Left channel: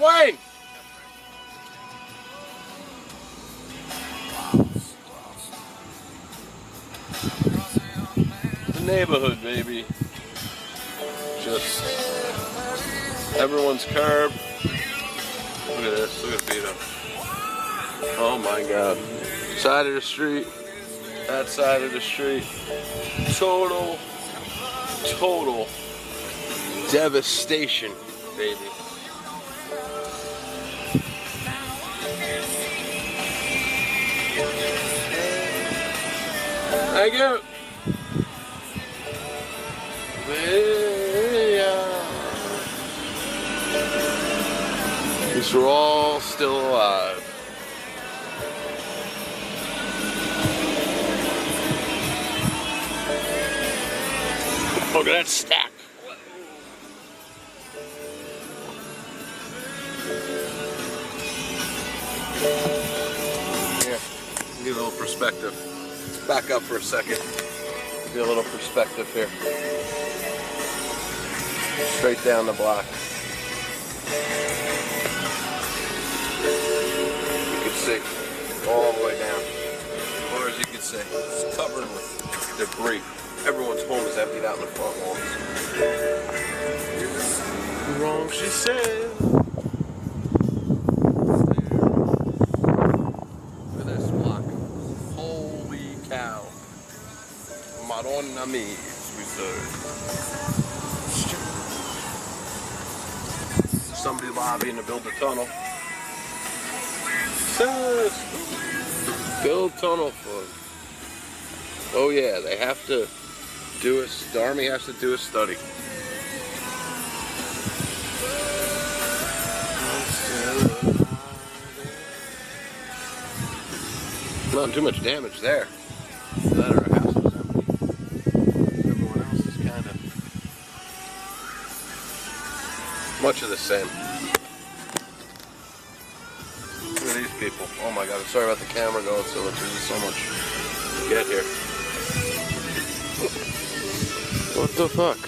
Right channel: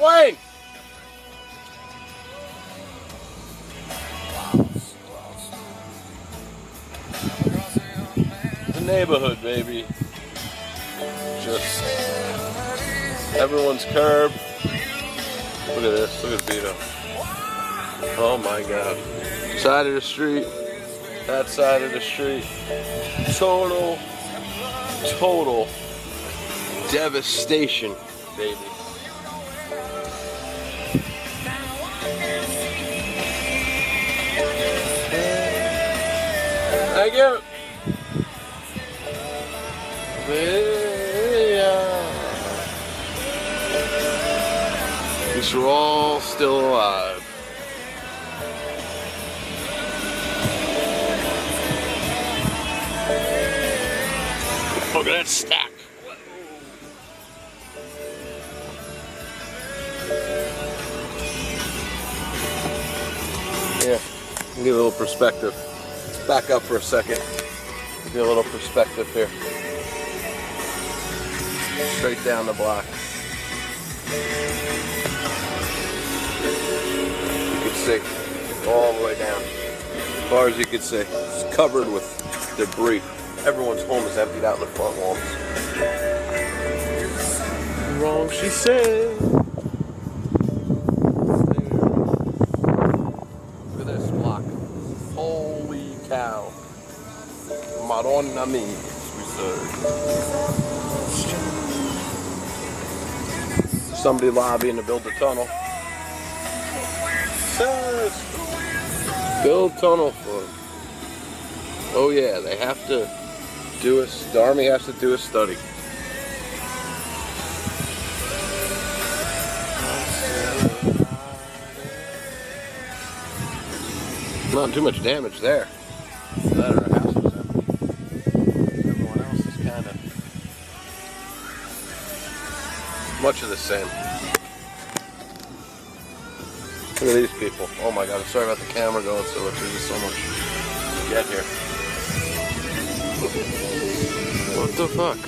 McLean! The neighborhood, baby. Just everyone's curb. Look at this. Look at Vito. Oh my God. Side of the street. That side of the street. Total devastation, baby. Thank you. At least we're all still alive. Look at that stack. Yeah, give a little perspective. Let's back up for a second. Give you a little perspective here. Straight down the block. You can see all the way down. As far as you can see, it's covered with debris. Everyone's home is emptied out in the front walls. Wrong, she said. Look at this block. Holy cow. Madonna mia, we say. Somebody lobbying to build a tunnel. Build tunnel for them. Oh yeah, they have to do the Army has to do a study. Not too much damage there. That or our house was empty. Everyone else is kind of much of the same. Look at these people. Oh my God, I'm sorry about the camera going so much. There's so much to get here. What the fuck?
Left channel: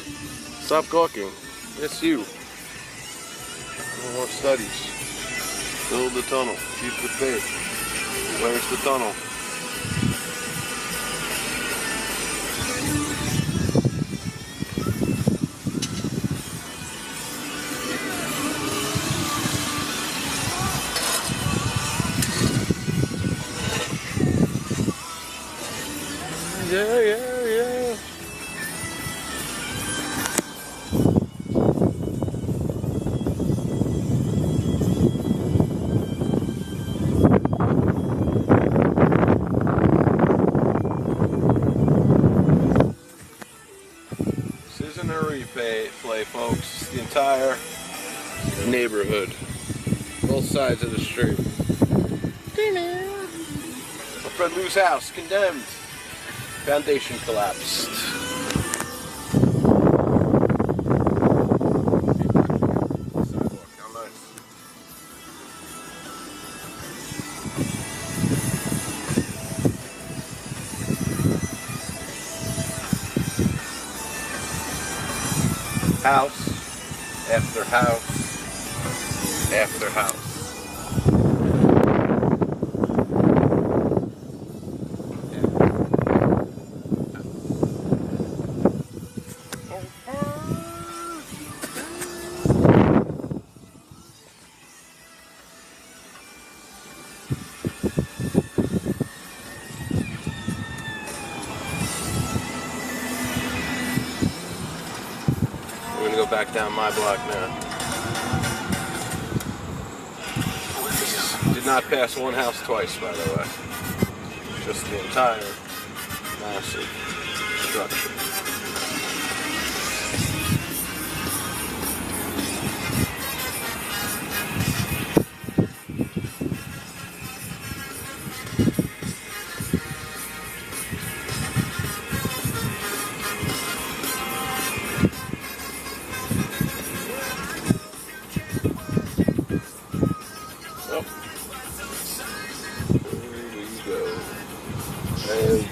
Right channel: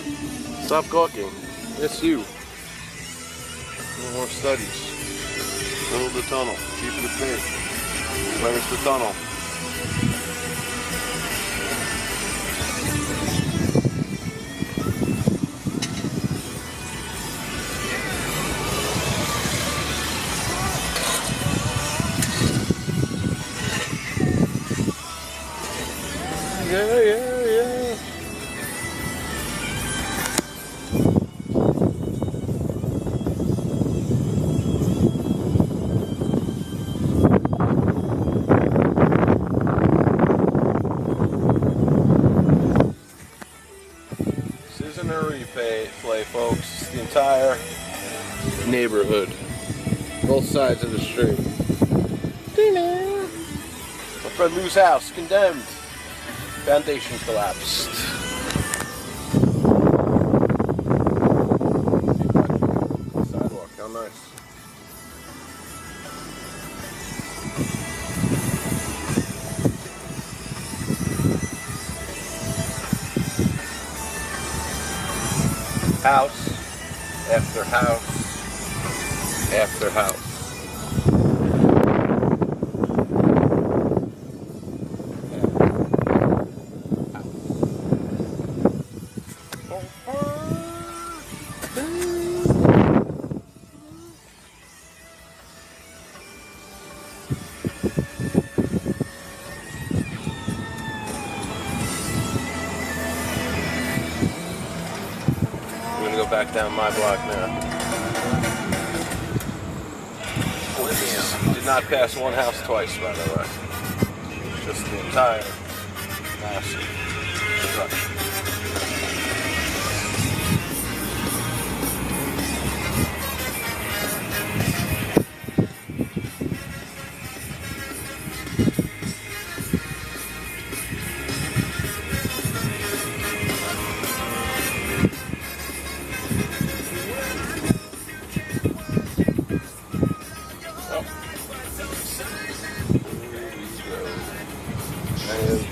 Stop gawking. It's you. No more studies. Build the tunnel. Keep the faith. Where's the tunnel? Yeah. This isn't a replay, folks. The entire neighborhood. Both sides of the street. My friend Lou's house, condemned. Foundation collapsed. Sidewalk, how nice. House after house after house. We're gonna go back down my block now. Did not pass one house twice, by the way. Just the entire massive structure.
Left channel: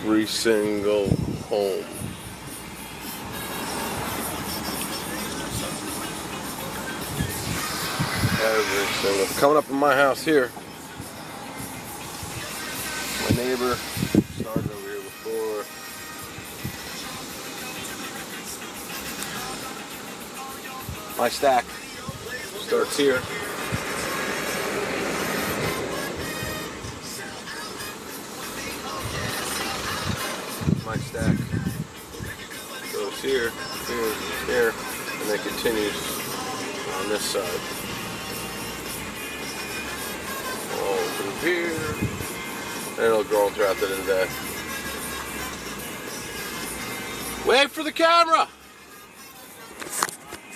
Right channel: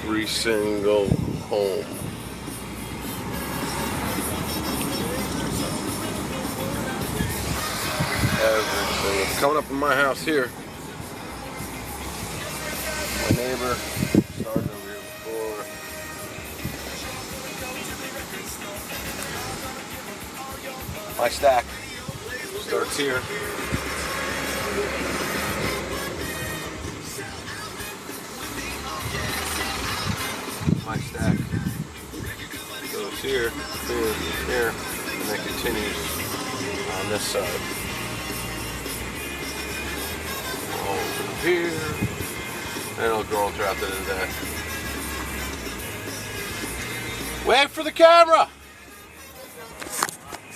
Every single home. every single. Coming up in my house here. My neighbor started over here before. My stack starts here. My stack goes here, here, here, and then continues on this side. All through here, and it'll go throughout the day. Wait for the camera!